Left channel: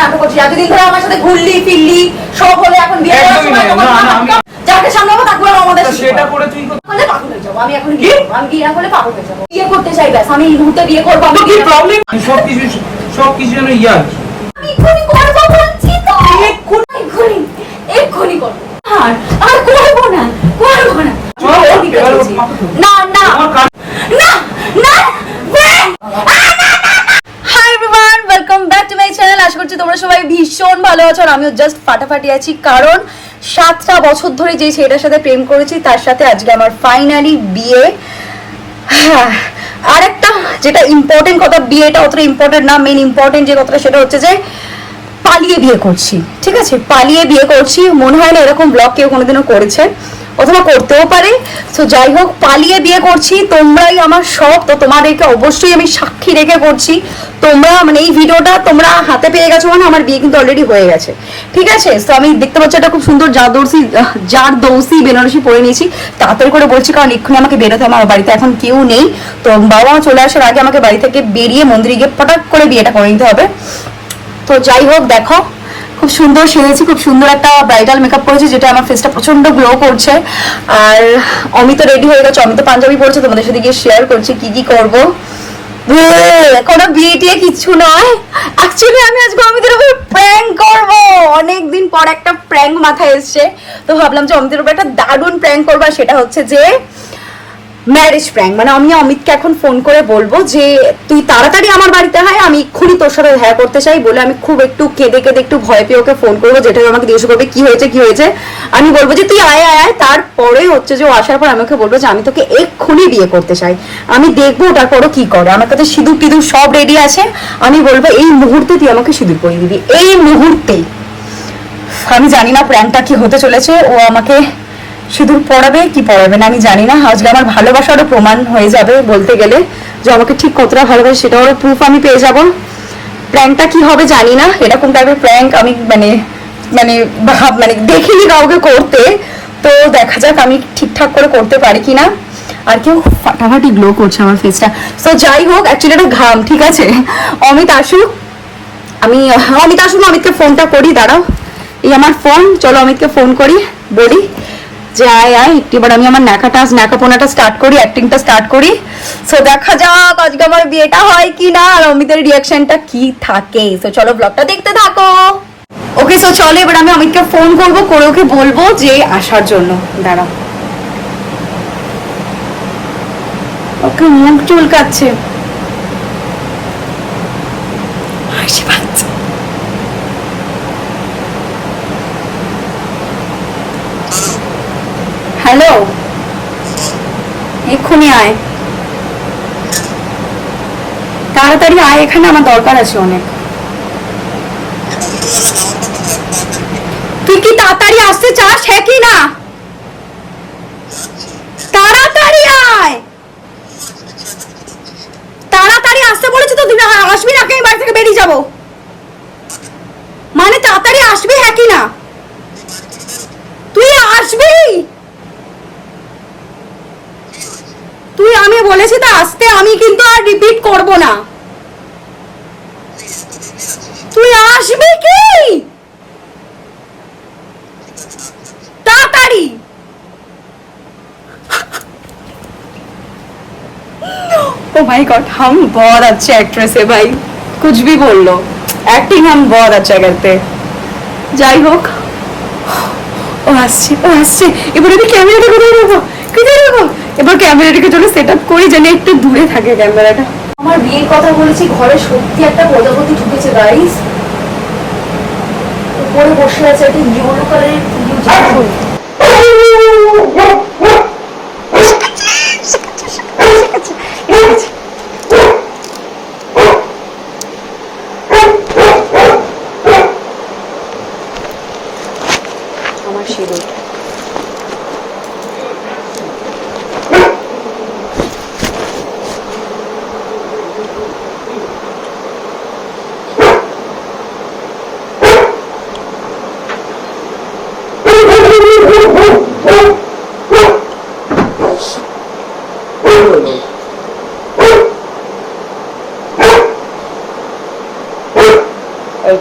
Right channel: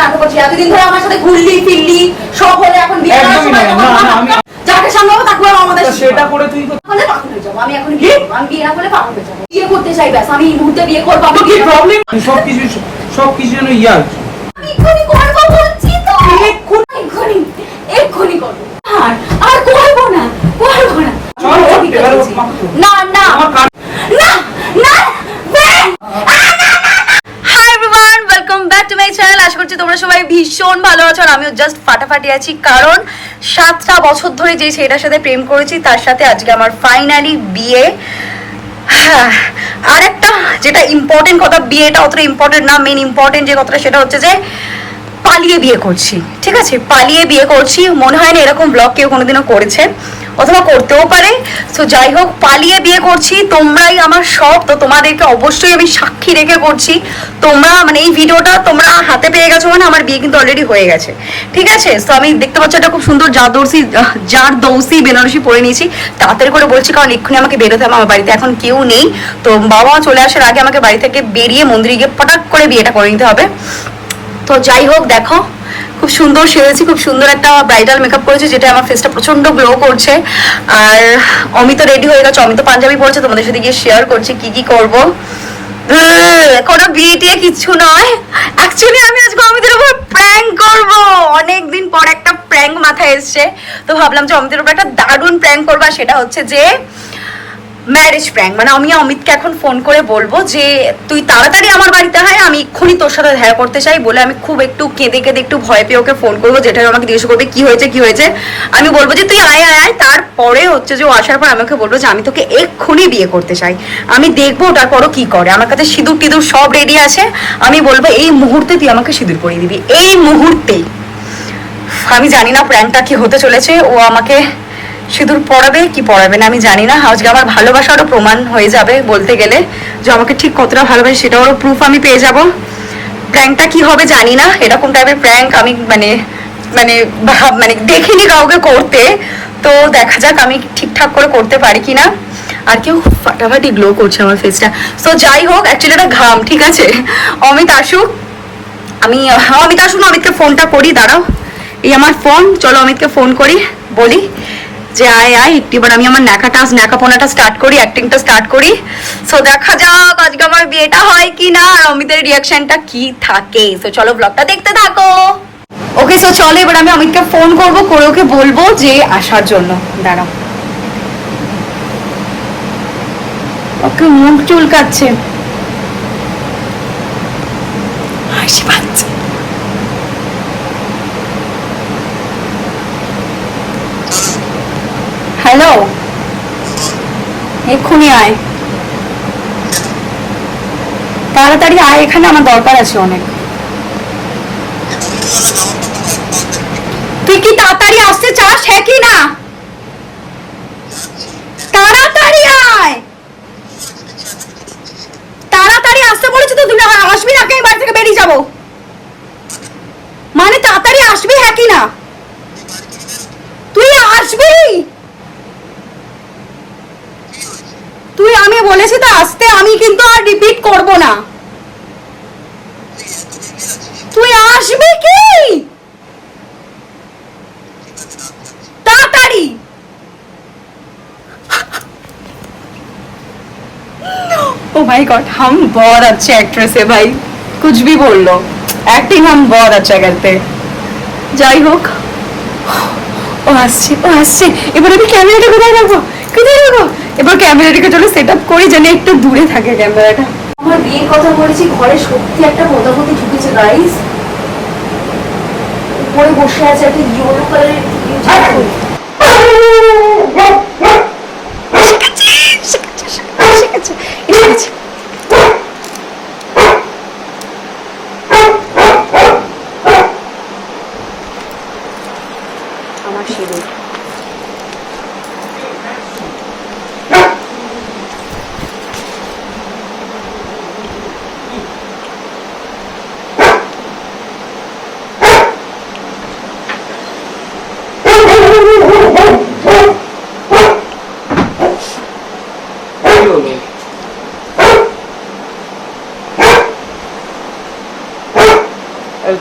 নাটক করছিস এতদিন ধরে আমার সাথে ঘুরলি ফিরলি সব হলে এখন বিয়ে না, না, যাকে সামলাবো তাকে আমাদের সেটা করে তুই হলে পাগল হয়ে যাব আমি এখন কি? আমি বিয়ে না পাগল হয়ে যাব। বিয়ে করতে চাই ব্যাস আমি এই মুহূর্তে বিয়ে করব আমি কি প্রবলেম সব কিছু সব কিছু যেন ইয়ার আমি এক্ষুনি করব বলছি তো। এক্ষুনি এক্ষুনি করব। আর আর করব না করব না। না না। না না everyone welcome back to my channel আশা করছি তোমরা সবাই ভীষণ ভালো আছো আর আমিও জাস্ট ফাটাফাটি আছি কারণ সাতটা বছর ধরে যে ছেলেটার সাথে প্রেম করেছি তার সাথে আজকে আমার ফাইনালি বিয়ে। হ্যাঁ, আর একটা যেটা ইম্পর্টেন্ট কথা বিয়েটা অতটা ইম্পর্টেন্ট না মেন ইম্পর্টেন্ট যে কথাটা সেটা হচ্ছে যে পালিয়ে বিয়ে করছি ঠিক আছে? পালিয়ে বিয়ে করছি মনে হয় না এরকম ব্লগ কেউ কোনোদিনও করেছে। অথবা করতেও পারে। তো যাই হোক, পালিয়ে বিয়ে করছি, তোমরাই আমার সব, তো তোমাদেরকে অবশ্যই আমি সাক্ষী রেখে করছি। তোমরা মানে এই ভিডিওটা তোমরা হাতে পেয়ে গেছো মানে আমার বিয়ে কিন্তু অলরেডি হয়ে গেছে। ঠিক আছে? তো আমি দেখতে পাচ্ছি এটা খুব সুন্দর জারদৌসি, জার দৌসি বেনারসি পরে নিয়েছি। তাড়াতাড়ি করে বলছি, কারণ এক্ষুনি আমাকে বেরোতে হবে, আমার বাড়িতে এখন কেউ নেই। তো বাবা চলে আসার আগে আমাকে বাড়ি থেকে বেরিয়ে মন্দিরে গিয়ে ফটাক করে বিয়েটা করে নিতে হবে। তো যাই হোক, দেখো খুব সুন্দর সেজেছি, খুব সুন্দর একটা ব্রাইডাল মেকআপ করেছি, যেটা আমার ফেসটা প্রচণ্ড গ্লো করছে। আর অমিত রেডি হয়ে গেছে, অমিত পাঞ্জাবি পড়ছে, তোমাদের সাথে গিয়ে শেয়ার করছি কি কি করব। কোনো বিয়ে কিচ্ছু নয়। অ্যাকচুয়ালি আমি আজকে অমিতের উপর প্র্যাঙ্ক করব। অনেকদিন পর একটা প্র্যাঙ্ক মাথায় এসছে। তো ভাবলাম যে অমিতের উপর একটা দারুণ প্র্যাঙ্ক করব সেটা হচ্ছে যে ম্যারেজ প্র্যাঙ্ক মানে আমি অমিতকে এখন ফোন করে বলব যে, তুই তাড়াতাড়ি আমার বাড়িতে হয় আমি এক্ষুনি তোর সাথে দেখা করতে চাই, বলে আমি খুব একটু কেঁদে কেঁদে একটু ভয় পেয়ে ওকে ফোন করব, যেটা আমাকে জিজ্ঞেস করবে, কি হয়েছে কি হয়েছে? আমি বলব যে, তুই আয় আয় আয়। তারপরে হচ্ছে যে ও আসার পর আমাকে বলব যে, আমি তোকে এক্ষুনি বিয়ে করতে চাই। আমি দেখব ওটার পরও কি করে। আমার কাছে সিঁদুর টিঁদুর সব রেডি আছে। আমি বলব, এই মুহূর্তে তুই আমাকে সিঁদুর পরিয়ে দিবি। এই মুহূর্তেই আমি জানি না প্ল্যানটা কি হতে চলেছে। ও আমাকে সিঁদুর পড়াবে কি পড়াবে না আমি জানি না। আজকে আমার ভালোবাসারও প্রমাণ হয়ে যাবে বলতে গেলে যে আমাকে ঠিক কতটা ভালোবাসে সেটারও প্রুফ আমি পেয়ে যাব। প্র্যাঙ্কটা কি হবে জানি না। এরকম টাইপের প্র্যাঙ্ক আমি মানে মানে মানে দেখিনি কাউকে করতে। তো দেখা যাক আমি ঠিকঠাক করে করতে পারি কি না আর কেউ ফাটাফাটি গ্লো করছে আমার ফেসটা তো যাই হোক অ্যাকচুয়ালি এটা ঘাম, ঠিক আছে? অমিত, আসুক। আমি, অমিত, আসুন, অমিতকে ফোনটা করি, দাঁড়াও। এই আমার ফোন চলো অমিতকে ফোন করি, বলি। যে আয় আমি আমার স্টার্ট করি অ্যাক্টিংটা স্টার্ট করি। সো দেখা যাক আজকে আমার বিয়েটা হয় কি না, আর অমিতের রিয়াকশনটা কি থাকে। তো চলো ব্লগটা দেখতে থাকো। ওকে সো চলো এবার আমি অমিতকে ফোন করব, করে ওকে বলব যে আসার জন্য। দাঁড়াও ওকে মুখ চুলকাচ্ছে। হাসি পাচ্ছে। হ্যালো? এক্ষুনি আয়। তাড়াতাড়ি আয়, এখানে আমার দরকার আছে অনেক। তুই কি তাড়াতাড়ি আসতে চাস? হ্যাঁ কি না? তাড়াতাড়ি আয়! তাড়াতাড়ি আসতে বলেছি তো, তুই আসবি না আমি বাড়ি থেকে বেরিয়ে যাব। মানে তাড়াতাড়ি আসবি হ্যাঁ কি না? তুই আসবি? তুই আমি বলেছি তো আসতে আমি কিন্তু আর রিপিট করব না তুই আসবি কি তাড়াতাড়ি ओ माय गॉड हम बहुत अच्छे एक्ट्रेस है भाई कुछ भी बोल लो एक्टिंग हम बहुत अच्छा करते যাই হোক ও আসছে ও আসছে এবার আমি ক্যামেরাটা কোথায় রাখবো কোথায় রাখবো এবার ক্যামেরাটাকে চলো সেট আপ করি, যেন একটু দূরে থাকে ক্যামেরাটা। আমার বিয়ের কথা বলেছি, ঘরে সত্যি একটা বদাবতি ঢুকেছে গাইস উপরে বসে আছে একটা ইয়েলো কালারের আমার সিঁদুর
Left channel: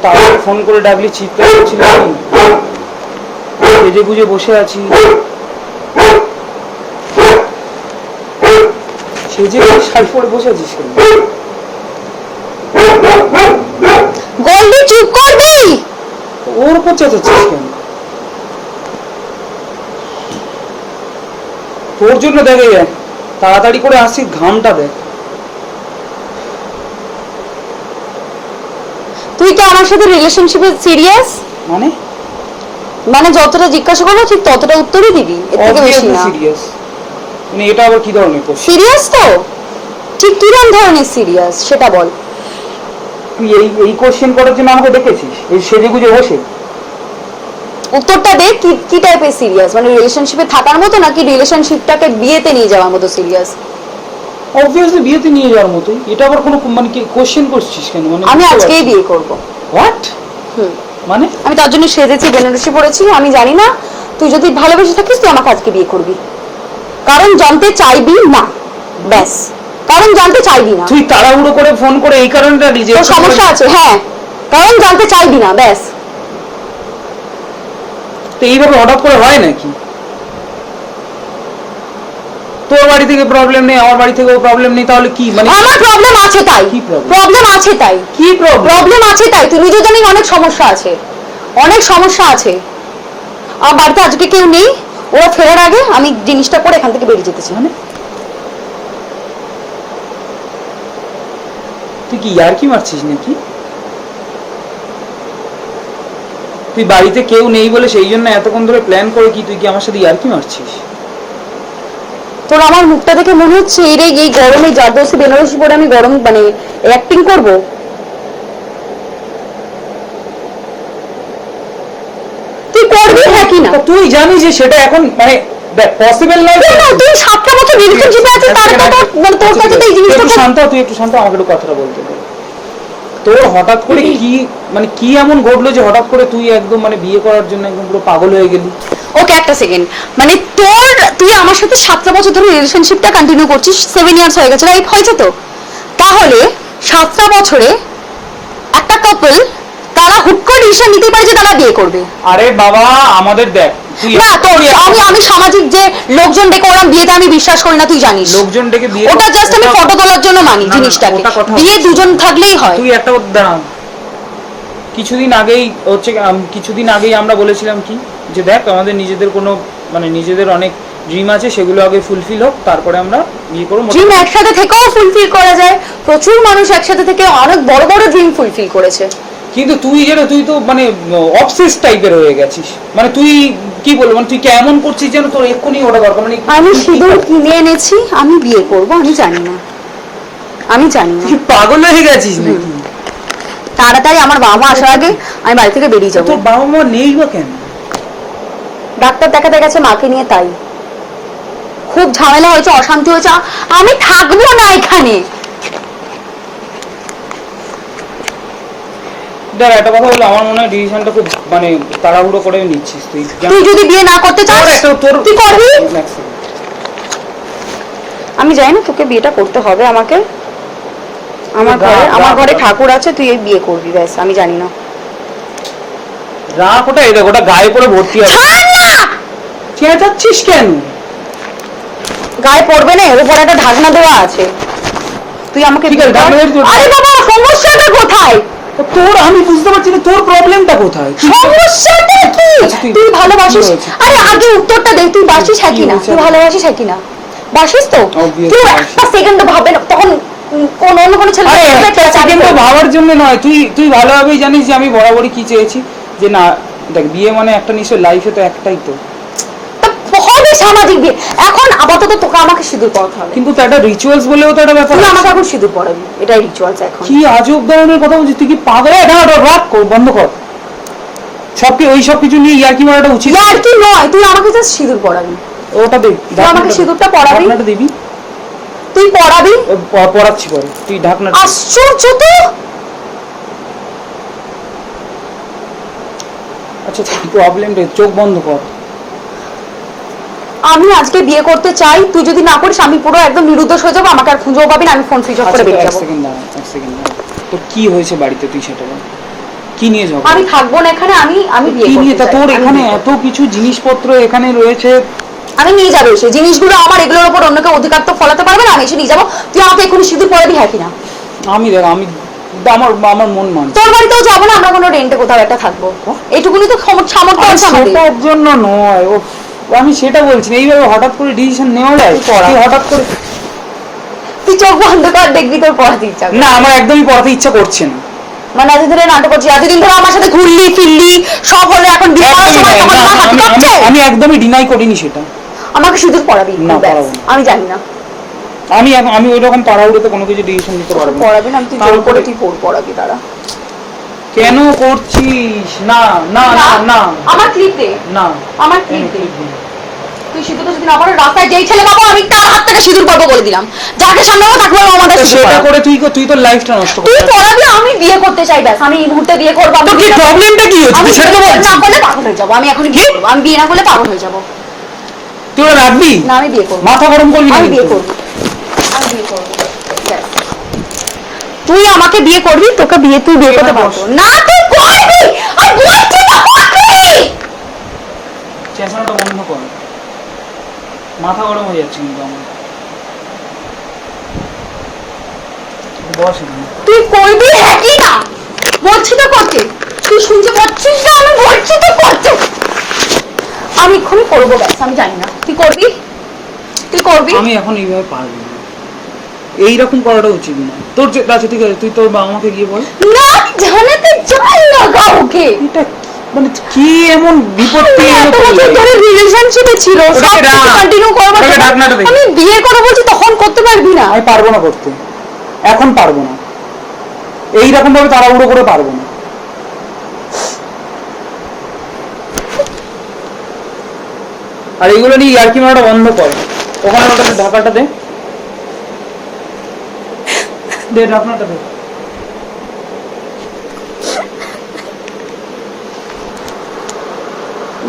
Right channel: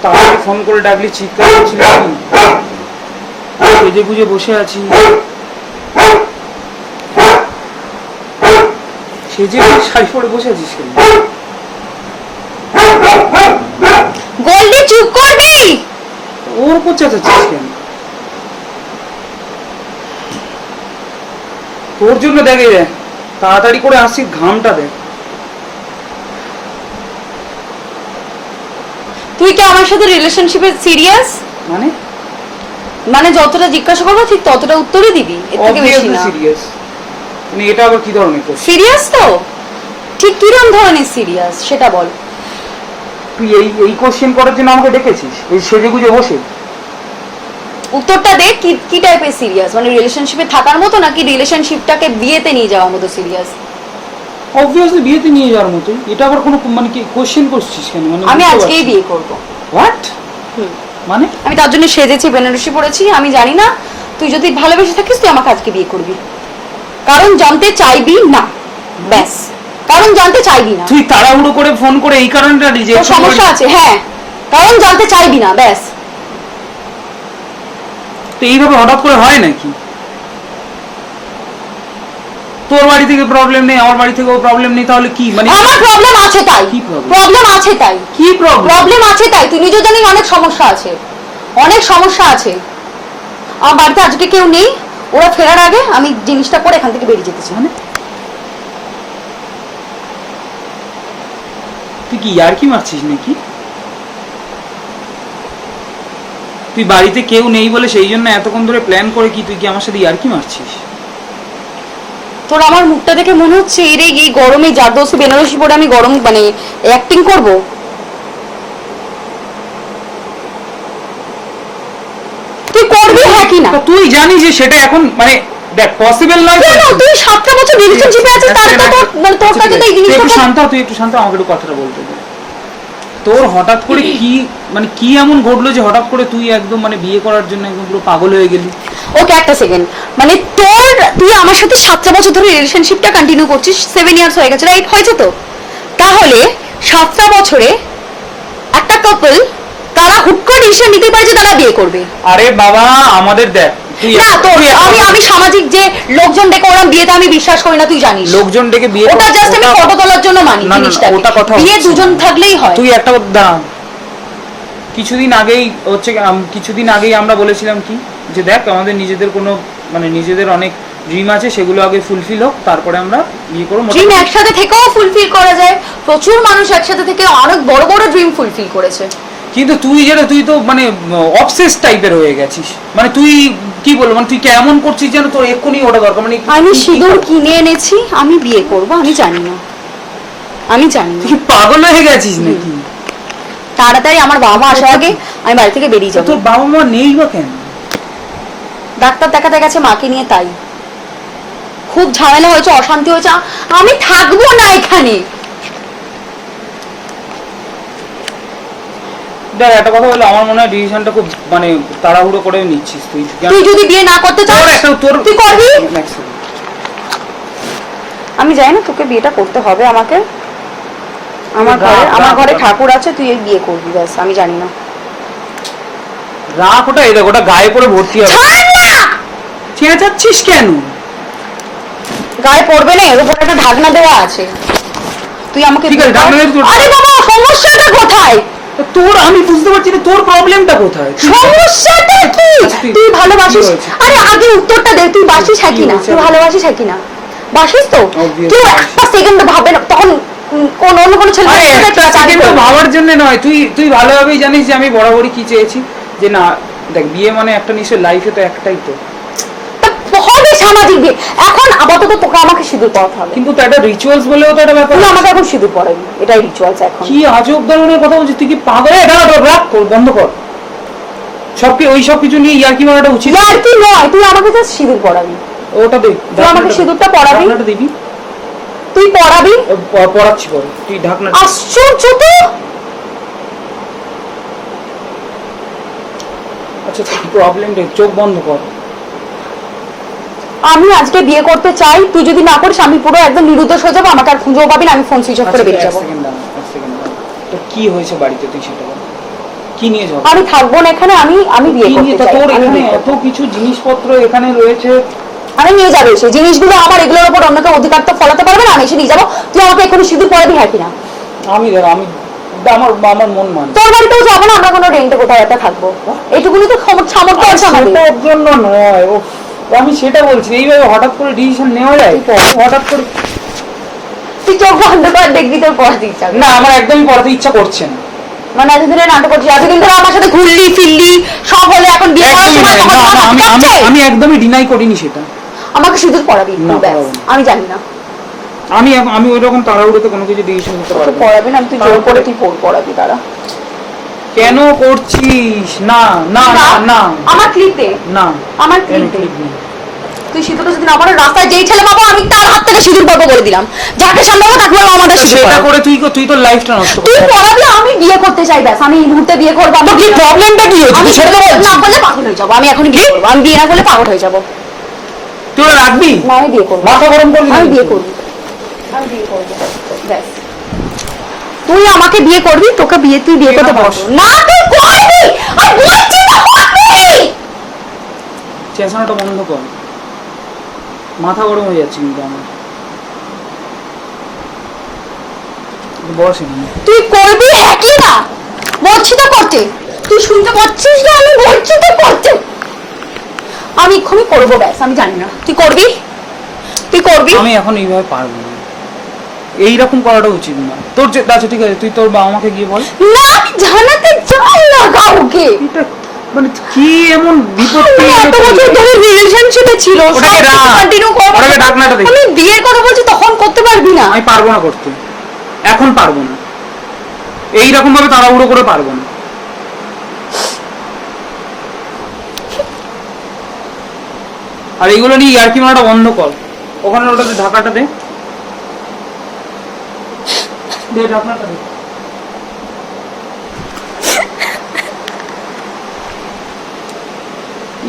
তাড়াতাড়ি ফোন করে ডাকলি চিৎকার করছিলি সেজে গুজে বসে আছি। সেজে গুজে শাড়ি পরে বসে আছিস কেন? গোল্ডি চুপ করবি? ওর উপর চেঁচাচ্ছিস কেন? তোর জন্য দেখে যায় তাড়াতাড়ি করে আসছিস ঘামটা দেখ। তুই কি আমার সাথে রিলেশনশিপে সিরিয়াস মানে? মানে যতটা জিজ্ঞাসা করব ঠিক ততটা উত্তরই দিবি। এর থেকে বেশি না। সিরিয়াস মানে এটা আবার কি ধরনের কোশ্চেন সিরিয়াস তো? ঠিক কিরম ধরনের সিরিয়াস সেটা বল। তুই এই এই কোশ্চেন করার জন্য আমাকে ডেকেছিস এই সেজে গুজে বসে? উত্তরটা দেখ কি কি টাইপের সিরিয়াস মানে রিলেশনশিপে থাকার মতো নাকি রিলেশনশিপটাকে বিয়েতে নিয়ে যাওয়ার মতো সিরিয়াস অবভিয়াসলি বিয়েতে নিয়ে যাওয়ার মতোই। এটা আবার কোনো মানে কি কোশ্চেন করছিস কেন? মানে আমি আজকেই বিয়ে করব। হোয়াট মানে? আমি তার জন্য সেজেছি বেনারসি পড়েছি আমি জানি না। তুই যদি ভালোবেসে থাকিস তুই আমাকে আজকে বিয়ে করবি। কারণ জানতে চাইবি না। ব্যাস। কারণ জানতে চাইবি না। তুই তাড়াহুড়ো করে ফোন করে এই কারণটা রিজেক্ট সমস্যা আছে হ্যাঁ। কারণ জানতে চাইবি না ব্যাস। তো এইভাবে হঠাৎ করে হয় নাকি? তোর বাড়ি থেকে প্রবলেম নেই আমার বাড়ি থেকেও প্রবলেম নেই তাহলে কি? মানে আমার প্রবলেম আছে তাই। কি? প্রবলেম আছে তাই। কি প্রবলেম আছে তাই। তুই নিজে জানিস অনেক সমস্যা আছে। অনেক সমস্যা আছে। আমার বাড়িতে আজকে কেউ নেই। ওরা ফেরার আগে আমি জিনিসটা করে এখান থেকে বেরিয়ে যেতেছি মানে। তুই কি ইয়ার কি মারছিস নাকি? তুই বাড়িতে কেউ নেই বলে সেই জন্য এতক্ষণ ধরে প্ল্যান করে কি তুই কি আমার সাথে ইয়ার কি মারছিস? তোর আমার মুখটা দেখে মনে হচ্ছে এই রে এই গরমে জারদোসি বেনারসি পরে আমি গরম মানে অ্যাক্টিং করব? তুই করবি হ্যাঁ কি না? তুই জানিস যে সেটা এখন মানে দেখ পসিবল নয় না তুই সাতটা বছর রিলেশনশিপে আছিস তার তো তোর তোর কাছে তো এই জিনিসটা শান্ত তুই একটু শান্ত আমাকে একটু কথাটা বলতে দে। তোর হঠাৎ করে কি মানে কি এমন ঘটলো যে হঠাৎ করে তুই একদম মানে বিয়ে করার জন্য একদম পুরো পাগল হয়ে গেলি? ওকে একটা সেকেন্ড মানে তোর তুই আমার সাথে সাতটা বছর ধরে রিলেশনশিপটা কন্টিনিউ করছিস সেভেন ইয়ার্স হয়ে গেছে রাইট হয়েছে তো? তাহলে সাতটা বছরে একটা কাপল তারা হুট করে ডিসিশন নিতে পারে যে তারা বিয়ে করবে। আরে বাবা আমাদের দেখ না তো আমি আমি সামাজিক যে লোকজন ডেকে ওরম বিয়েতে আমি বিশ্বাস করি না তুই জানিস। লোকজন ডেকে বিয়ে ওটা জাস্ট আমি ফটো তোলার জন্য মানি কথা বিয়ে দুজন থাকলেই হয়। তুই একটা দাঁড়া কিছুদিন আগেই হচ্ছে কিছুদিন আগেই আমরা বলেছিলাম কি যে দেখ আমাদের নিজেদের কোনো মানে নিজেদের অনেক ড্রিম আছে সেগুলো আগে ফুলফিল হোক তারপরে আমরা বিয়ে করব। ড্রিম একসাথে থেকেও ফুলফিল করা যায়। প্রচুর মানুষ একসাথে থেকে অনেক বড় বড় ড্রিম ফুলফিল করেছে। কিন্তু তুই যেটা তুই তো মানে অবসেস টাইপের হয়ে গেছিস। মানে তুই কি বলব মানে তুই কেমন করছিস যেন তোর এক্ষুনি ওটা দরকার? মানে আমি সিঁদুর কিনে এনেছি আমি বিয়ে করব আমি জানি না। আমি জানি না। পাগল হয়ে গেছিস নাকি? তাড়াতাড়ি আমার বাবা মা আসার আগে আমি বাড়ি থেকে বেরিয়ে যাব। তোর বাবা মা নেই বা কেন? ডাক্তার দেখাতে গেছে মাকে নিয়ে তাই। খুব ঝামেলা হয়েছে অশান্তি হয়েছে আমি থাকব না এখানে। একটা কথা হলো আমার মনে হয় ডিসিশনটা খুব মানে তাড়াহুড়ো করে নিচ্ছিস তুই। তুই যদি বিয়ে না করতে চাস তোর একটা তোর তুই করবি? আমি জানি না তোকে বিয়েটা করতে হবে আমাকে। আমার ঘরে আমার ঘরে ঠাকুর আছে তুই এই বিয়ে করবি ব্যাস আমি জানি না। রাখ ওটা এই দেখ ওটা গায়ে পরে ভর্তি হবে। চেঁচাচ্ছিস কেন? গায়ে পড়বে না এর উপর একটা ঢাকনা দেওয়া আছে। তুই আমাকে ঠিক আছে, ঢাকনা আরে বাবা সমস্যাটা কোথায়? তোর আমি বুঝতে পারছি না তোর প্রবলেমটা কোথায়? সমস্যাটা কি? আচ্ছা, তুই- ভালোবাসিস? আরে আগে উত্তরটা দে তুই বাসিস হ্যাঁ কি না হয়েছে? তুই ভালোবাসিস হ্যাঁ কি না বাসিস তো? কেউ একটা সেকেন্ড ভাবে না তখন কোন অন্য কোনো ছেলে একটা সেকেন্ড ভাবার জন্য নয় তুই তুই ভালোভাবেই জানিস যে আমি বরাবরই কি চেয়েছি। যে না দেখ বিয়ে মানে একটা নিশ্চয় লাইফে তো একটাই তো। সামাজিক বিয়ে এখন আপাতত তোকে আমাকে সিঁদুর পড়াতে হবে। কিন্তু তো একটা রিচুয়ালস বলেও তো একটা ব্যাপার আছে। আমাকে এখন সিঁদুর পড়াবি এটাই রিচুয়ালস এখন। কি আজব ধরনের কথা বলছিস? তুই কি পাগল? না না, রাখ কর বন্ধ কর। সব কি ওই সব কিছু নিয়ে ইয়ার্কি মারাটা উচিত। না আর কি নয় তুই আমাকে জাস্ট সিঁদুর পড়াবি ওটা তুই তুই আমাকে সিঁদুরটা পরাবি? ঢাকনাটা দিবি? তুই পড়াবি এ, প- পরে। তুই ঢাকনা আশ্চর্য তো! আচ্ছা প্রবলেম প্রবলেমটা চোখ বন্ধ কর। আমি আজকে বিয়ে করতে চাই তুই যদি না করিস আমি পুরো একদম নিরুদ্দেশ হয়ে যাব আমাকে আর খুঁজেও পাবি না আমি ফোন সুইচ অফ করে বেরিয়ে যাব। তোর কি হয়েছে বাড়িতে? তুই সেটা কি নিয়ে যাব আমি থাকব না এখানে আমি আমি বিয়ে করতে চাই তোর এখানে এত কিছু জিনিসপত্র এখানে রয়েছে। আমি নিয়ে যাব সেই জিনিসগুলো আমার এগুলোর উপর অন্য কেউ অধিকার তো ফলাতে পারবে না আমি এসে নিয়ে যাব। তুই আমাকে এক্ষুনি সিঁদুর পরে দিই হ্যাঁ কিনা। আমি দেখ আমি আমার আমার মন মানে তোর বাড়িতেও যাব না আমরা কোনো রেন্টে কোথাও একটা থাকব। এইটুকুনি তো সামর্থ্য আছে আমাদের। জন্য নয় ও আমি সেটা বলছি এইভাবে হঠাৎ করে ডিসিশন নেওয়া যায়? হঠাৎ করে তুই চোখ বন্ধ কর দেখবি তোর পড়াতে ইচ্ছা না আমার একদমই পড়াতে ইচ্ছা করছে না। মানে এতদিন ধরে নাটক এতদিন ধরে আমার সাথে ঘুরলি ফিরলি সব হলো এখন বিয়ে করার সময় তখন আমি- একদমই ডিনাই করিনি সেটা। আমাকে সিঁদুর পড়াবি না। আমি জানি না। আমি আমি ওই রকম তাড়াহুড়োতে কোনো কিছু ডিসিশন নিতে পারব না। আমি তুই জোর করে তুই পড় পড়াবি তারা কেন করছিস? না না না না আমার ক্লিপ না। আমার ক্লিপ। তুই সিঁদুর যদি না পড়ে রাস্তায় যেই ছেলে পাবো আমি তার হাত থেকে সিঁদুর পড়ব বলে দিলাম। যাকে সম্ভব পাবো তাকে আমি আমাদের তো সেটা করে তুই তুই তোর লাইফটা নষ্ট তুই পড়াবি আমি বিয়ে করতে চাই ব্যাস। আমি এই মুহূর্তে বিয়ে করব তো কি প্রবলেমটা কি হচ্ছে? আমি তুই তো বিয়ে না করলে পাগল হয়ে যাব। আমি এখন বিয়ে আমি বিয়ে না করলে পাগল হয়ে যাব। তুই রাখবি? না আমি বিয়ে করব। মাথা গরম করবি আমি বিয়ে করব। আমি বিয়ে করব। ব্যাস। তুই আমাকে বিয়ে করবি তোকে বিয়ে তুই বিয়ে করতে পারব। না তুই করবি! আর বলছি না করবি! চেঁচানোটা বন্ধ কর। মাথা গরম হয়ে যাচ্ছে কিন্তু আমার। বস। তুই করবি হ্যাঁ কি না? বলছি তো করতে। তুই শুনতে পাচ্ছিস না? আমি বলছি তো করতে। আমি এক্ষুনি করব ব্যাস আমি জানি না। তুই করবি? তুই করবি? আমি এখন এইভাবে পারব না। এইরকম করাটা উচিত না। তোর যে আচ্ছা ঠিক আছে তুই তোর বাবা মাকে গিয়ে বল। না আমি জানাতে চাই না কাউকে। এটা মানে কি এমন বিপত্তি এত বছর ধরে রিলেশনশিপে ছিল ডাক। কন্টিনিউ করব ওটাকে ডাক না, ওটা দেখ। আমি বিয়ের কথা বলছি তখন করতে পারবি না। আমি পারব না করতে। এখন পারব না। এইরকম ভাবে তাড়াহুড়ো করে পারব না। আর এগুলো নিয়ে ইয়ার্কি মারাটা বন্ধ কর। ওখানে ওটাতে ঢাকাটা দে দে ঢাকনাটা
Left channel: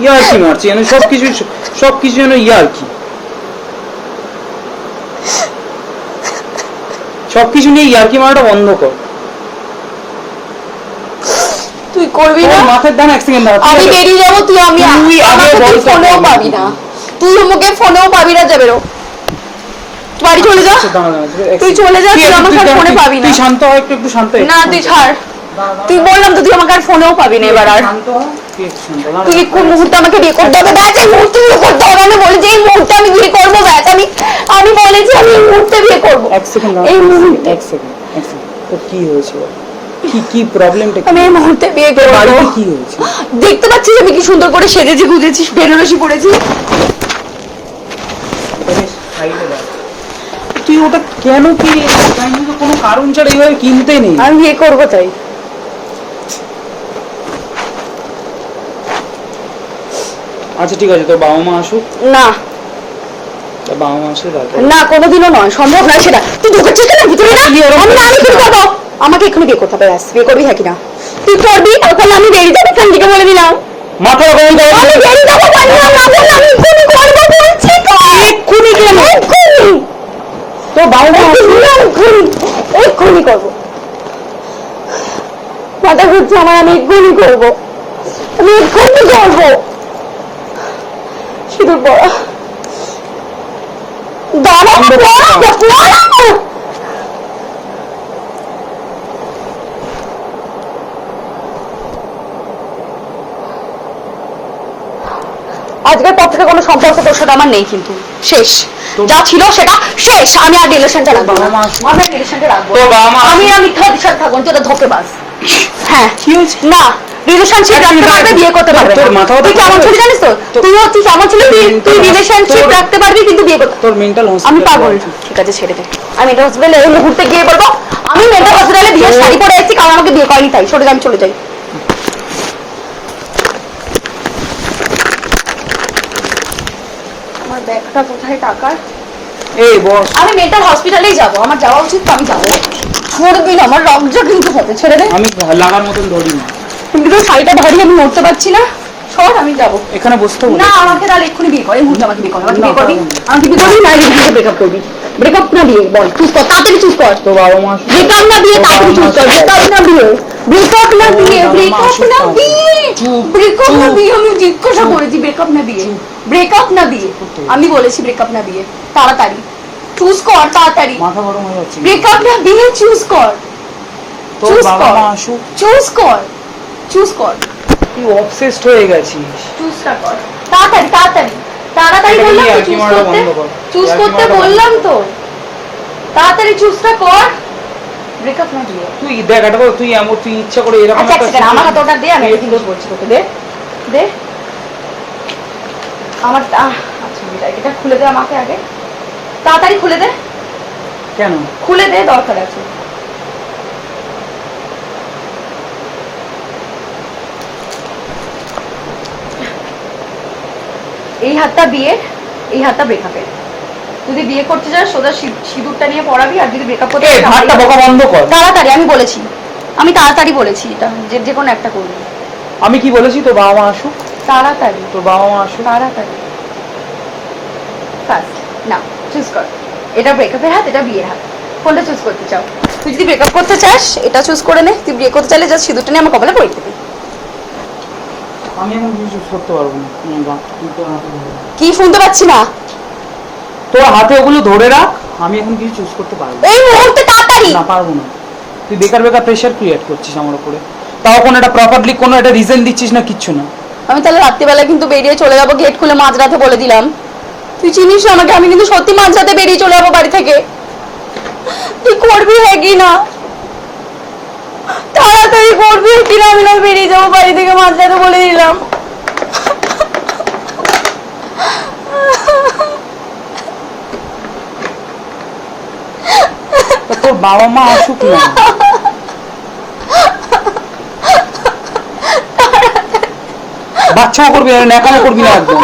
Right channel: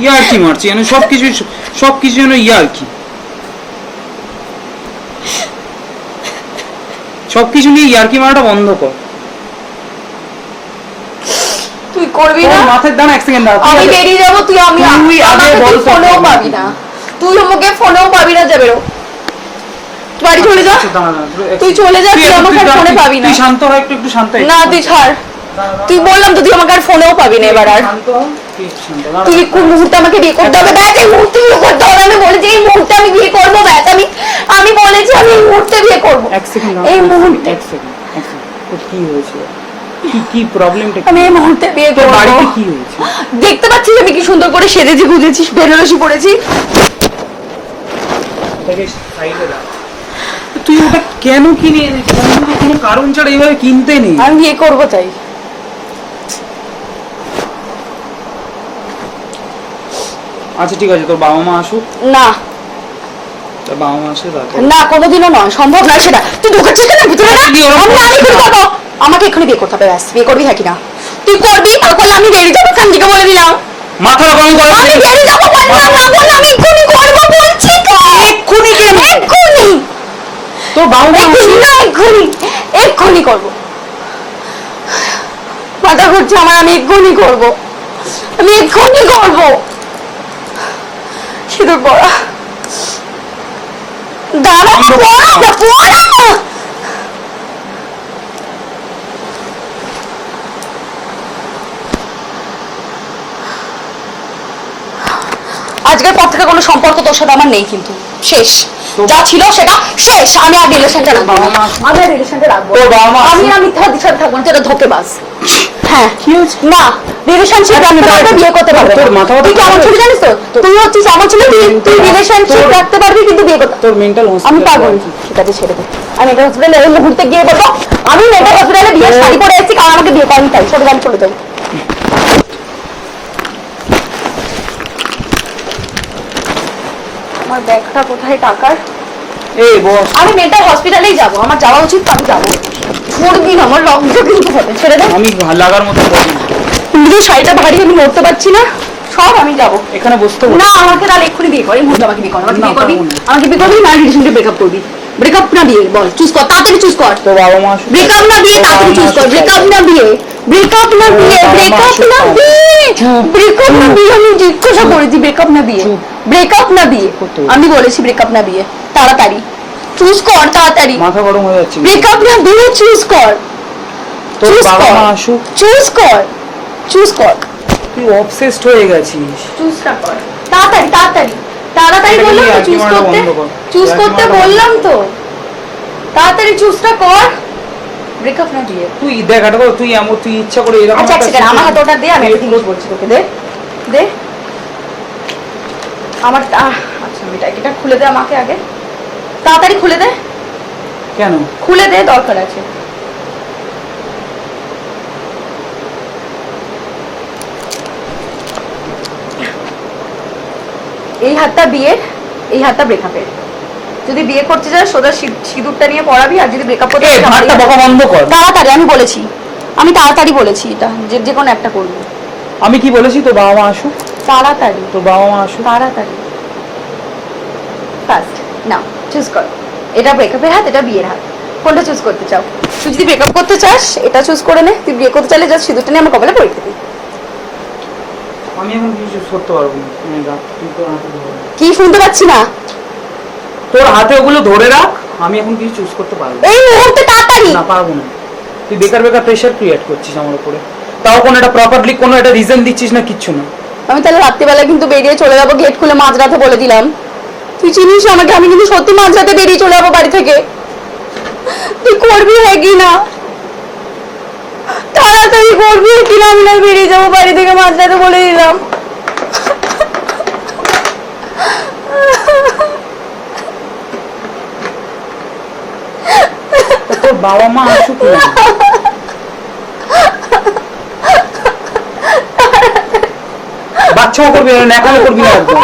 ইয়ার্কি মারছি মানে সব কিছু সব কিছু যেন ইয়ার্কি সবকিছু নিয়ে ইয়ার্কি মারাটা বন্ধ কর। তুই করবি না? মাথার দানা এক সেকেন্ড দাঁড়া আমি বেরিয়ে যাব তুই আমি তুই আগে বল ফোনেও পাবি না। তুই আমাকে ফোনেও পাবি না যাবে বাড়ি চলে যা। তুই- চলে যা, তুই আমাকে আর ফোনে পাবি না। তুই শান্ত হ একটু একটু শান্ত না তুই ছাড়। তুই বললাম তো তুই আমাকে আর ফোনেও পাবি না এবার আর। তুই। কোন মুহূর্তে আমাকে বিয়ে করতে হবে? ব্যাস এই মুহূর্তে বিয়ে করতে হবে। আমি বলেছি এই মুহূর্তে আমি বিয়ে করব ব্যাস। আমি আমি বলেছি আমি এই মুহূর্তে বিয়ে করব। এক সেকেন্ড এই মুহূর্তে এক সেকেন্ড এক সেকেন্ড। কি হয়েছে? কি কি প্রবলেমটা আমি এই মুহূর্তে বিয়ে করব। বাড়িতে কি হয়েছে? দেখতে পাচ্ছিস আমি কি সুন্দর করে সেজেছি গুজেছি বেনারসি পরেছি রাখ। তুই ওটা কেন কিনে কোনো কারণ ছাড়া এইভাবে কিনতে নেই? আমি বিয়ে করব তাই। আচ্ছা ঠিক আছে তোর বাবা মা আসুক। না। তোর বাবা মা আসুক না কোনোদিনও নয় সম্ভব নয় সেটা। তুই ঢুকেছিস কেন ভিতরে না? আমি আমি করে দেবো। আমাকে এক্ষুনি বিয়ে করতে হবে ব্যাস। বিয়ে করবি থাকি না তুই করবি তারপর আমি বেরিয়ে যাব এখান থেকে বলে দিলাম। মাথা গরম করো। আমি বেরিয়ে যাব বললাম না বললাম আমি এক্ষুনি করব বলছি তো। এক্ষুনি কেন? মা এক্ষুনি এক্ষুনি করব। মাথা ঘুরছে আমার আমি এক্ষুনি করব। আমি এক্ষুনি করব। সিঁদুর পড়া দাঁড়া পড়া পড়া না। আজকের পর থেকে কোনো সম্পর্ক তোর সাথে আমার নেই কিন্তু। শেষ। যা ছিল সেটা শেষ। আমি আর রিলেশনটা রাখব না। আমি আর রিলেশনটা রাখব আমি? আর মিথ্যা দিশার থাকব যেটা ধোকে বাস হ্যাঁ। না। রিলেশনশিপ রাখতে পারবে বিয়ে করতে পারবে তোর মাথা তুই কেমন? ছিলি জানিস তো? তুই হচ্ছিস এমন ছিল তুই তুই রিলেশনশিপ রাখতে পারবি কিন্তু বিয়ে করতে তোর মেন্টাল আমি পাগল। ঠিক আছে ছেড়ে দে। আমি এটা হসপিটালে এই মুহূর্তে গিয়ে বলব আমি মেন্টাল হসপিটালে তোর- শাড়ি পরে এসেছি কারণ আমাকে বিয়ে করেনি তাই। সরে আমি চলে যাই। আমার ব্যাগটা কোথায় টাকার? এই বস। আমি মেন্টাল হসপিটালেই যাব আমার যাওয়া উচিত তো আমি যাব। ছড়বি না আমার রক্ত কিন্তু হবে ছেড়ে দে। আমি লাগার মতো বলি। কিন্তু শাড়িটা ভারী আমি নড়তে পারছি না। সব আমি যাব। এখানে বসতে বলি। না আমাকে তাহলে এক্ষুনি বিয়ে কর মুহূর্তে আমাকে বিয়ে কর আমাকে বিয়ে করবি? আমাকে বিয়ে করবি? না রিলেশনশিপ ব্রেকআপ করবি। ব্রেকআপ না বিয়ে বল চুজ কর তাড়াতাড়ি চুজ কর। তোর বাবা মা ব্রেকআপ না বিয়ে তাড়াতাড়ি চুজ কর। ব্রেকআপ না বিয়ে ব্রেকআপ না বিয়ে ব্রেকআপ না বিয়ে। ব্রেকআপ না বিয়ে আমি জিজ্ঞাসা করেছি ব্রেকআপ না বিয়ে। ব্রেকআপ না বিয়ে। আমি বলেছি ব্রেকআপ না বিয়ে। তাড়াতাড়ি। চুজ কর তাড়াতাড়ি। মাথা গরম হয়ে যাচ্ছে। ব্রেকআপ না বিয়ে চুজ কর। তোর বাবা কর। মা আসুক। চুজ কর। চুজ কর। তুই অবসেসড হয়ে গেছিস। চুজটা কর। তাড়াতাড়ি তাড়াতাড়ি। তাড়াতাড়ি বললাম চুজ করতে চুজ করতে বললাম তো। তাড়াতাড়ি চুজটা কর। ব্রেকআপ না বিয়ে? তুই তুই এমন তুই ইচ্ছা করে এরকম আচ্ছা আচ্ছা আমার হাতে ওটা দে আমি বলছি তোকে দে দে। আমার আচ্ছা এটা এটা খুলে দে আমাকে আগে। তাড়াতাড়ি খুলে দে। কেন? খুলে দে দরকার আছে। এই হাতটা বিয়ের এই হাতটা ব্রেকআপের যদি বিয়ে করতে চাস সোজা সিঁদুরটা নিয়ে পড়াবি আর যদি ব্রেকআপ করতে তাড়াতাড়ি আমি বলেছি। আমি তাড়াতাড়ি বলেছি এটা। যে যে কোনো একটা করবি। আমি কি বলেছি? তোর বাবা মা আসুক। তাড়াতাড়ি। তোর বাবা মা আসুক। তাড়াতাড়ি। ফার্স্ট নাও চুজ কর। এটা ব্রেকআপের হাত এটা বিয়ের হাত। কোনটা চুজ করতে চাও? তুই যদি ব্রেকআপ করতে চাস এটা চুজ করে নে। তুই বিয়ে করতে চাইলে জাস্ট সিঁদুরটা নিয়ে আমার কপালে পড়ে দিবি। আমি এখন কিছু করতে পারব না। কি শুনতে পাচ্ছি না? তোর হাতে ওগুলো ধরে রাখ আমি এখন কিছু চুজ করতে পারব না। এই মুহূর্তে তাড়াতাড়ি! না পারব না। তুই বেকার বেকার প্রেশার ক্রিয়েট করছিস আমার উপরে। তাও কোনো একটা প্রপারলি কোনো একটা রিজন দিচ্ছিস না কিচ্ছু না। আমি তাহলে রাত্রিবেলা কিন্তু বেরিয়ে চলে যাব গেট খুলে মাঝরাতে বলে দিলাম। তুই চিনিস আমাকে? আমি কিন্তু সত্যি মাঝরাতে বেরিয়ে চলে যাব বাড়ি থেকে। তুই করবি হ্যাঁ কি না? তাড়াতাড়ি করবি কি না? আমি না বেরিয়ে যাব বাড়ি থেকে মাঝরাতে বলে দিলাম তা তোর বাবা মা আসুক না বাচ্চাও করবি না, ন্যাকামো করবি না একদম।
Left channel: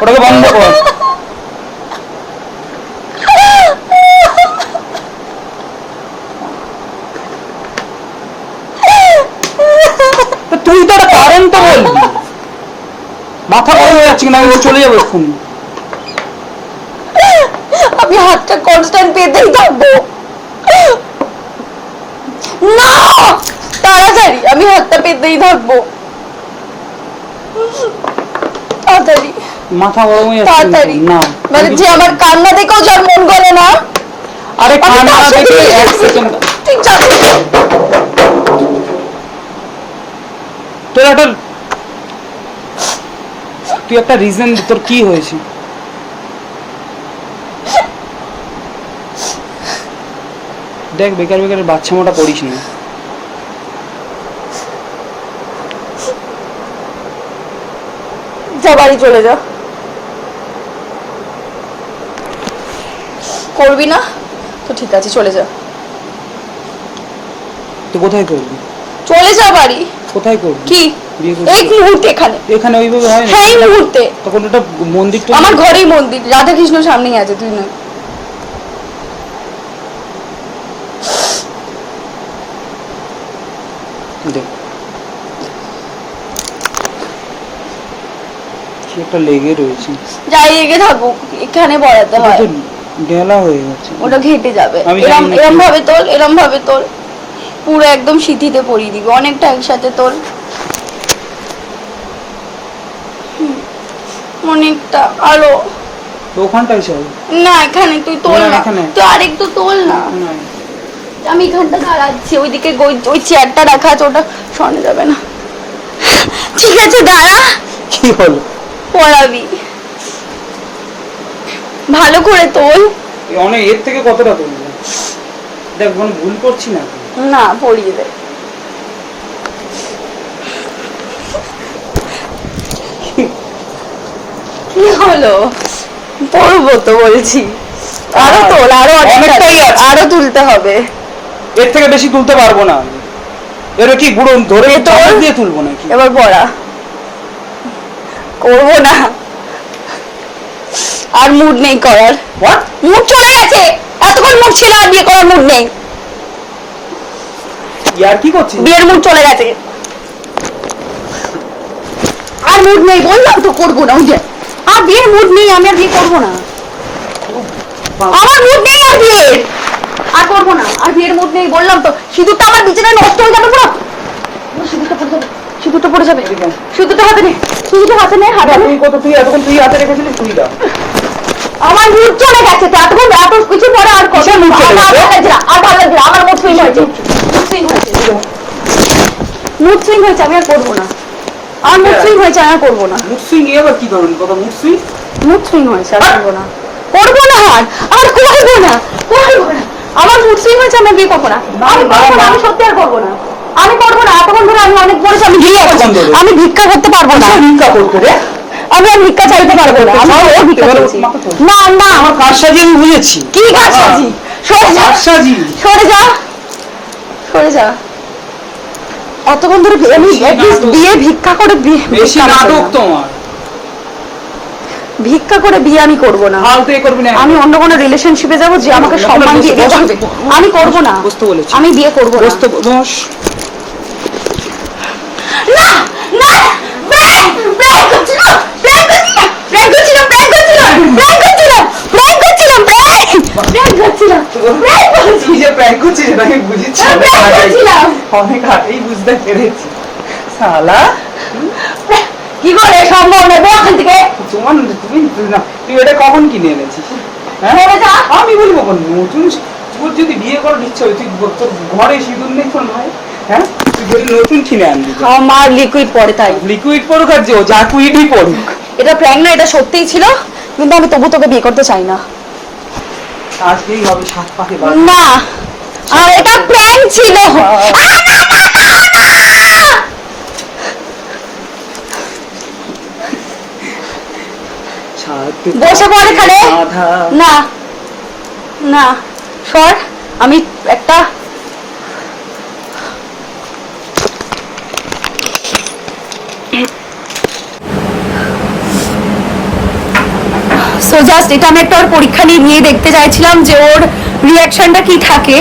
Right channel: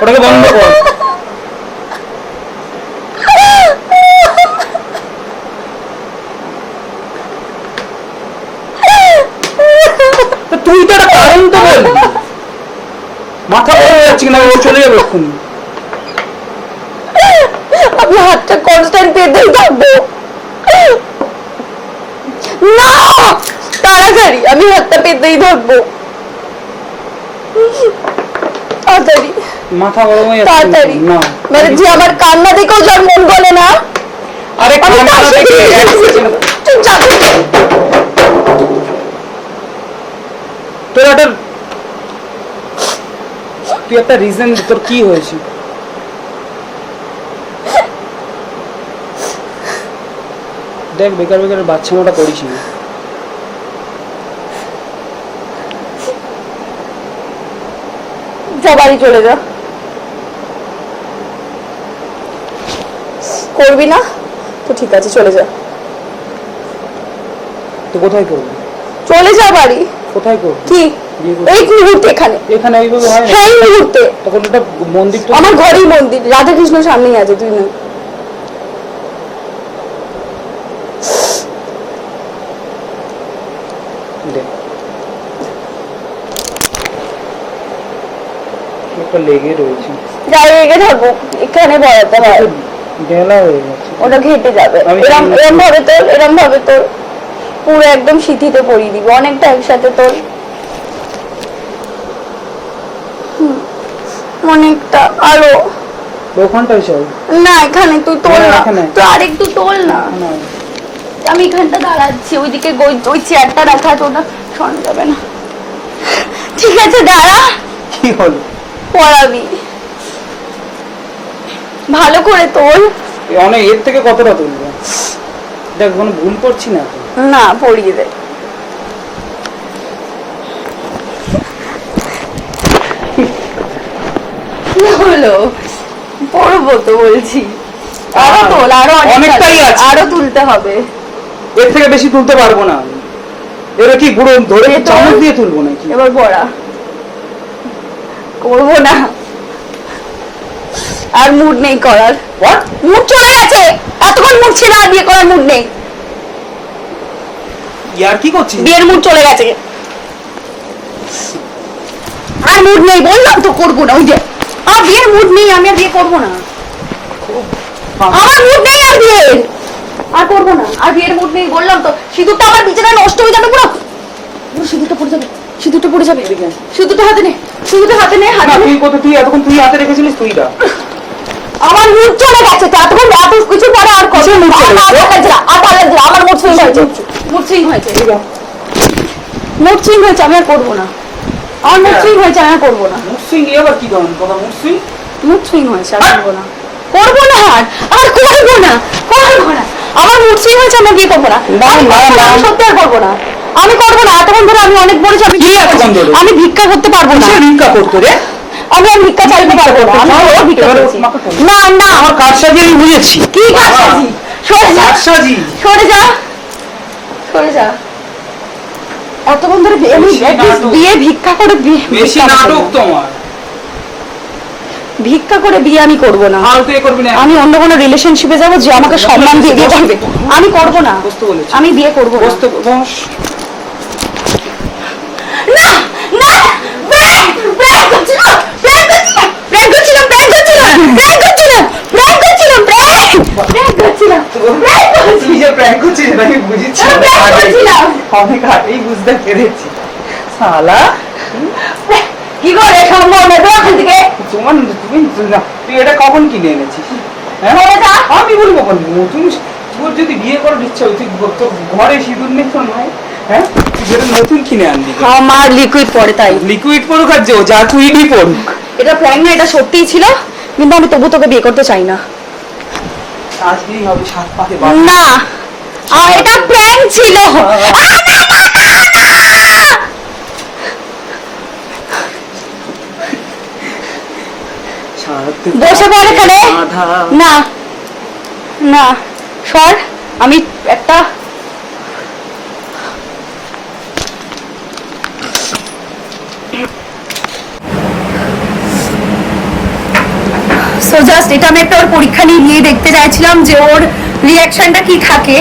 ওটাকে বন্ধ কর। তুই তো একটা কারণ তো বলবি মাথা গরম হয়ে যাচ্ছে কিনা চলে যাবে এক্ষুনি। হাতটা কনস্ট্যান্ট পেতেই থাকব না! তাড়াতাড়ি আমি হাতটা পেতেই থাকব তাড়াতাড়ি। মাথা গরম হয়ে যাচ্ছে তাড়াতাড়ি। না। মানে যে আমার কান্না দেখেও যার মন গলে না আরে কান্না দেখে এক সেকেন্ড তুই যাবি? তোর একটা তুই একটা রিজন তোর কি হয়েছে? দেখ বেকার বেকার বাচ্চা মোটা করিস না। যা বাড়ি চলে যা। করবি না? তো ঠিক আছে চলে যা। তুই কোথায় করবি? চলে যা বাড়ি। কোথায় করবি? কি? এই মুহূর্তে এখানে। এখানে ওইভাবে হয় না? হ্যাঁ এই মুহূর্তে। তখন একটা মন্দিরটা আমার ঘরেই মন্দির। রাধা কৃষ্ণ সামনেই আছে তুই না দেখ কি একটা লেগে রয়েছে। যাই এগে থাকুক এখানে পড়াতে হয়। ডেলা হয়ে যাচ্ছে। ওটা ঘেটে যাবে। এরম এরম ভাবে তোর এরম ভাবে তোর পুরো একদম সিথিতে পরিয়ে দিবি। অনেকটা একসাথে তোর অনেকটা। আরও ওখানটাই না এখানে তুই তোল না। তুই আরেকটু তোল না। আমি এখানটা দাঁড়াচ্ছি ওইদিকে ওই- চেয়ারটা রাখা আছে ওটা সরানো যাবে না। ঠিক আছে দাঁড়া। কি হলো? পড়াবি ভালো করে তোল। অনেক এর থেকে কতটা তুলবো? দেখ কোনো ভুল করছি না। না পড়িয়ে দে। হলো? পড়ব তো বলছি। আরও তোল আরও অনেকটাই। আরও তুলতে হবে। এর থেকে বেশি তুলতে পারব না। এর কি গুঁড়ো ধরে চামচ দিয়ে তুলবো নাকি? এবার পড়া করব না। আর মুড নেই করার। হোয়াট মুড চলে গেছে। এতক্ষণ মুড ছিল আর বিয়ে করার মুড নেই। ইয়ার কি করছিস? বিয়ের মুড চলে গেছে। আর মুড নেই বললাম তো করব না। ওই যে আর বিয়ের মুড নেই আমি আর বিয়ে করব না। আমার মুড নেই আর বিয়ের। আর করব না। আর বিয়ের মুড নেই বললাম তো। সিঁদুরটা আমার বিছানায় নষ্ট হয়ে যাবে পুরো। সিঁদুরটা পড়ে যাবে। সিঁদুরটা পড়ে যাবে। সিঁদুরটা হাতে নে সিঁদুরটা হাতে নে হাতে তুই কত তুই এতক্ষণ তুই হাতে রেখেছিলিস তুই দা আমার মুড চলে গেছে তো এতক্ষণ এত কিছু পরে আর চলে গেছে? না, আর ভালো লাগছে আমার মুড সুইং হয়েছে। মুড সুইং হয়েছে। মুড সুইং হয়েছে আমি আর করব না। আমার মুড সুইং হয়েছে আমি আর করব না। মুসিং এ আবার কি ধরনের? কথা মুসিং মুড সুইং হয়েছে আর করব না। করব না আর? আর করব না করব না। আমার মুড সুইং হয়েছে আমি বিয়ে করব না। আমি। সত্যি আর করব না। আমি করব না এতক্ষণ ধরে আমি অনেক বলেছি আমি ভিক্ষা করব। আমি ভিক্ষা করতে পারব না। ভিক্ষা করতো রে? আমি আর ভিক্ষা চাইতে পারব না। না না। আমার কার সাজে আমি বুঝেছি কি কাজসাজি সরে যা। কারসাজি সরে যা। সরে যা। অতক্ষণ ধরে আমি। বিয়ে ভিক্ষা করে ভিক্ষা নাটক তোমার। ভিক্ষা করে বিয়ে আমি করব না। আমি অন্য কোনো রিলেশনশিপে যাব যে আমাকে সম্মান দিয়ে আমি করব না। আমি বিয়ে করব না। বসতে বস না না প্র্যাঙ্ক প্র্যাঙ্ক করছিলাম প্র্যাঙ্ক করছিলাম প্র্যাঙ্ক করছিলাম প্র্যাঙ্ক করছিলাম প্র্যাঙ্ক করছিলাম প্র্যাঙ্ক প্র্যাঙ্ক করছিলাম প্র্যাঙ্ক করছিলাম তুই যে প্র্যাঙ্ক করছিস এটা আমি বুঝেছি। আমি অনেক আগেই বুঝতে পেরেছি। শালা। কি করে সম্ভব? নেবে ওখান থেকে। তোমার তুমি তুই এটা কখন কিনে এনেছিস? হ্যাঁ। আমি বলব কখন? নতুন তোর যদি বিয়ে করার ইচ্ছা হয় তুই তোর ঘরে সিঁদুর নেই তো নয় হ্যাঁ? তুই যেটা নতুন কিনে আনবি। আমার লিকুইড পড়ে তাই। লিকুইড পড়ুক আর যে যা কুইডই পড়ুক। এটা না এটা সত্যিই ছিল কিন্তু আমি তবু তোকে বিয়ে করতে চাই না। আজকেই হবে সাত পাতে না আর এটা প্র্যাঙ্ক ছিল আ, না, না, না, না, না! বসে পড় এখানে। না না সর। আমি একটা সো জাস্ট এটা আমি একটা ওর পরীক্ষা নিয়ে নিয়ে দেখতে চাইছিলাম যে ওর রিয়াকশনটা কি থাকে।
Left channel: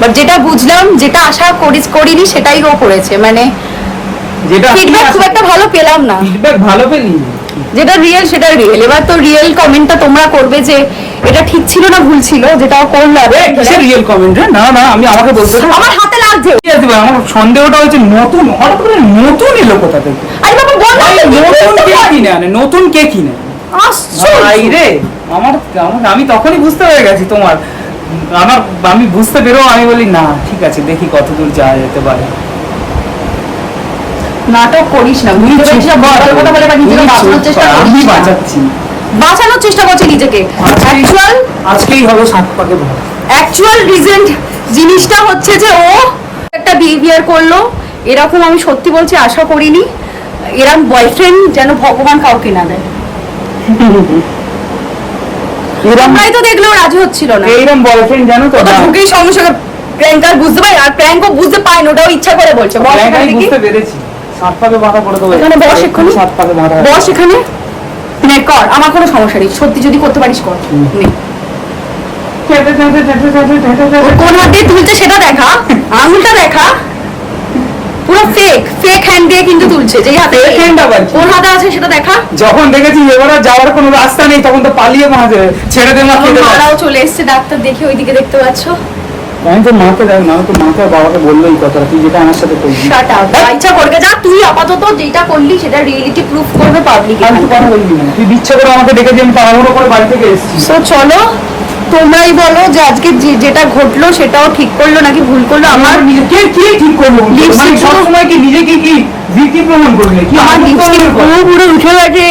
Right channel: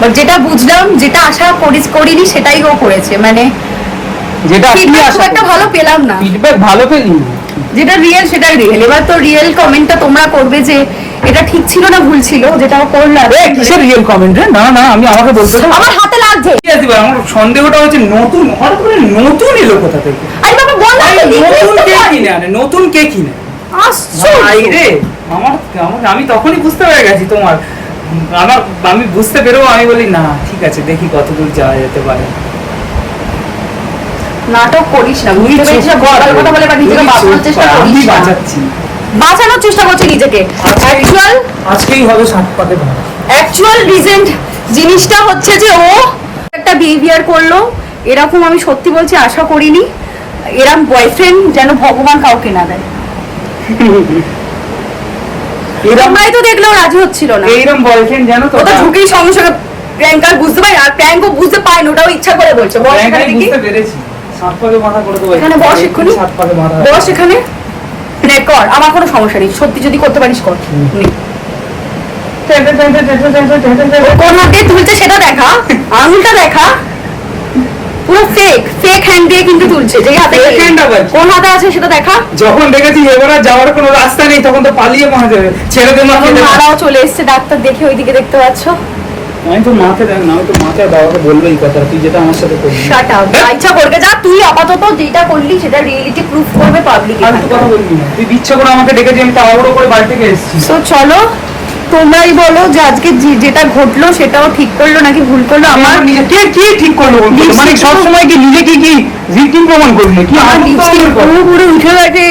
বাট যেটা বুঝলাম যেটা আশা করি করিনি সেটাই ও করেছে। মানে যেটা খুব একটা ভালো পেলাম না। ফিডব্যাক ভালো পেলি যেটা রিয়েল সেটাই রিয়েল এবার তো রিয়েল কমেন্টটা তোমরা করবে যে এটা ঠিক ছিল না ভুল ছিল যেটা ও করল আর কিসের রিয়েল কমেন্ট রে? না না আমি আমাকে বলতে। আমার হাতে লাগছে। ঠিক আছে ভাই, আমার সন্দেহটা হচ্ছে নতুন হঠাৎ করে নতুন এলো কোথা থেকে? আরে বাবা বল না, নতুন কে। কিনে আনে? নতুন কে কিনে? আশ্চর্য। রে আমার আমার- আমি তখনই বুঝতে পেরে গেছি তোমার। আমার আমি বুঝতে পেরেও আমি বলি না ঠিক আছে দেখি কতদূর যাওয়া যেতে পারে। নাটক করিস না বুঝতে পেরেছিস না? কথা বলে বা নিজেকে বাঁচানোর চেষ্টা কর, করিস না। বাঁচাচ্ছি। বাঁচানোর চেষ্টা করছে নিজেকে। অ্যাকচুয়াল আজকেই হবে সাত ভরা অ্যাকচুয়াল রিজেন্ট জিনিসটা হচ্ছে যে ও একটা বিহেভিয়ার করল এরকম আমি সত্যি বলছি আশা করিনি। এরকম বয়ফ্রেন্ড যেন ভগবান কাউকে না দেয়। এরম তোমরাই তো দেখলেও রাজি হচ্ছিল না। এইরকম বয়ফ্রেন্ড জানো তো ঢুকেই সঙ্গে সঙ্গে প্র্যাঙ্কার বুঝতে পারে আর প্র্যাঙ্কও বুঝতে পায় না ওটাও ইচ্ছা করে বলছে। এখানে বুঝতে পেরেছি। এখানে বস এক্ষুনি। বস এখানে। নে কর আমার কোনো সমস্যা নেই। সত্যি যদি করতে পারিস কর। নে। কোন হাত দিয়ে তুলছে সেটা দেখা। আঙুলটা দেখা। পুরো ফেক ফেক হ্যান্ড দিয়ে কিন্তু তুলছে। যেই হাতে আবার কোন হাতে আছে সেটা দেখা। যখন দেখেছি এবার যাওয়ার কোনো রাস্তা নেই তখন তো পালিয়ে মাঝে ছেড়ে দে। মারাও চলে এসছে ডাক্তার দেখে ওইদিকে দেখতে পাচ্ছ। আমি তো মাকে না তো মাকে বাবাকে বলল এই কথা তুই যেটা আমার সাথে শাট আপ ইচ্ছা করবে যা তুই আপাতত যেটা করলি সেটা রিয়েলিটি প্রুফ করবে পাবলিক। তুই ইচ্ছে করে আমাকে ডেকে আমি তাড়াহুড়ো করে বাড়ি থেকে এসেছি। তো চলো। তোমরাই বলো যে আজকে যেটা ঘটলো সেটাও ঠিক করল নাকি ভুল করল? আমার কে কি ঠিক করল মানে তো- সবসময় কি নিজেকে কি ভিকটিম প্রমাণ করলি কি আমার লিপস্টিক পুরো পুরো উঠে গেছে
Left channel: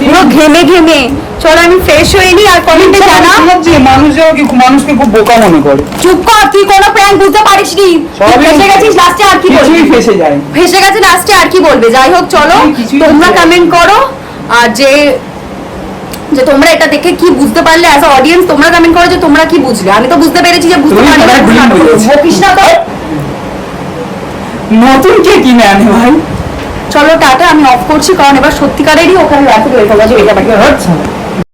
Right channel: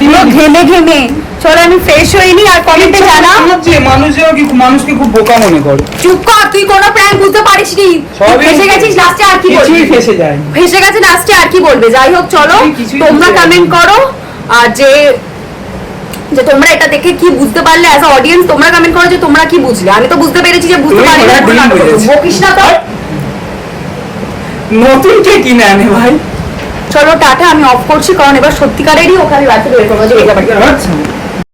পুরো ঘেমে ঘেমে। চলো আমি ফ্রেশ হইনি আর কমেন্টে জানা শোনাচ্ছি, মানুষ কি মানুষকে খুব বোকা মনে করে। চুপ কর তুই কোনো প্র্যাঙ্ক বুঝতে পারিস নি। ফেসে গেছিস লাস্টে আর কি বলবি? ফেসে যায় ফেসে গেছে লাস্টে আর কি বলবে? যাই হোক চলো তোমরা কমেন্ট করো আর যে যে তোমরা এটা দেখে কি বুঝতে পারলে অ্যাজ অডিয়েন্স তোমরা কমেন্ট করো যে তোমরা কি বুঝলে। আমি তো বুঝতে পেরেছি যে বুঝতে পারি না কৃষ্ণা তো নতুন কে কিনে আনে ভাই? চলো টাটা আমি অফ করছি কারণ এবার সত্যিকারেরই ওখানে রাতে বের করব যে এটা বাকি আচ্ছা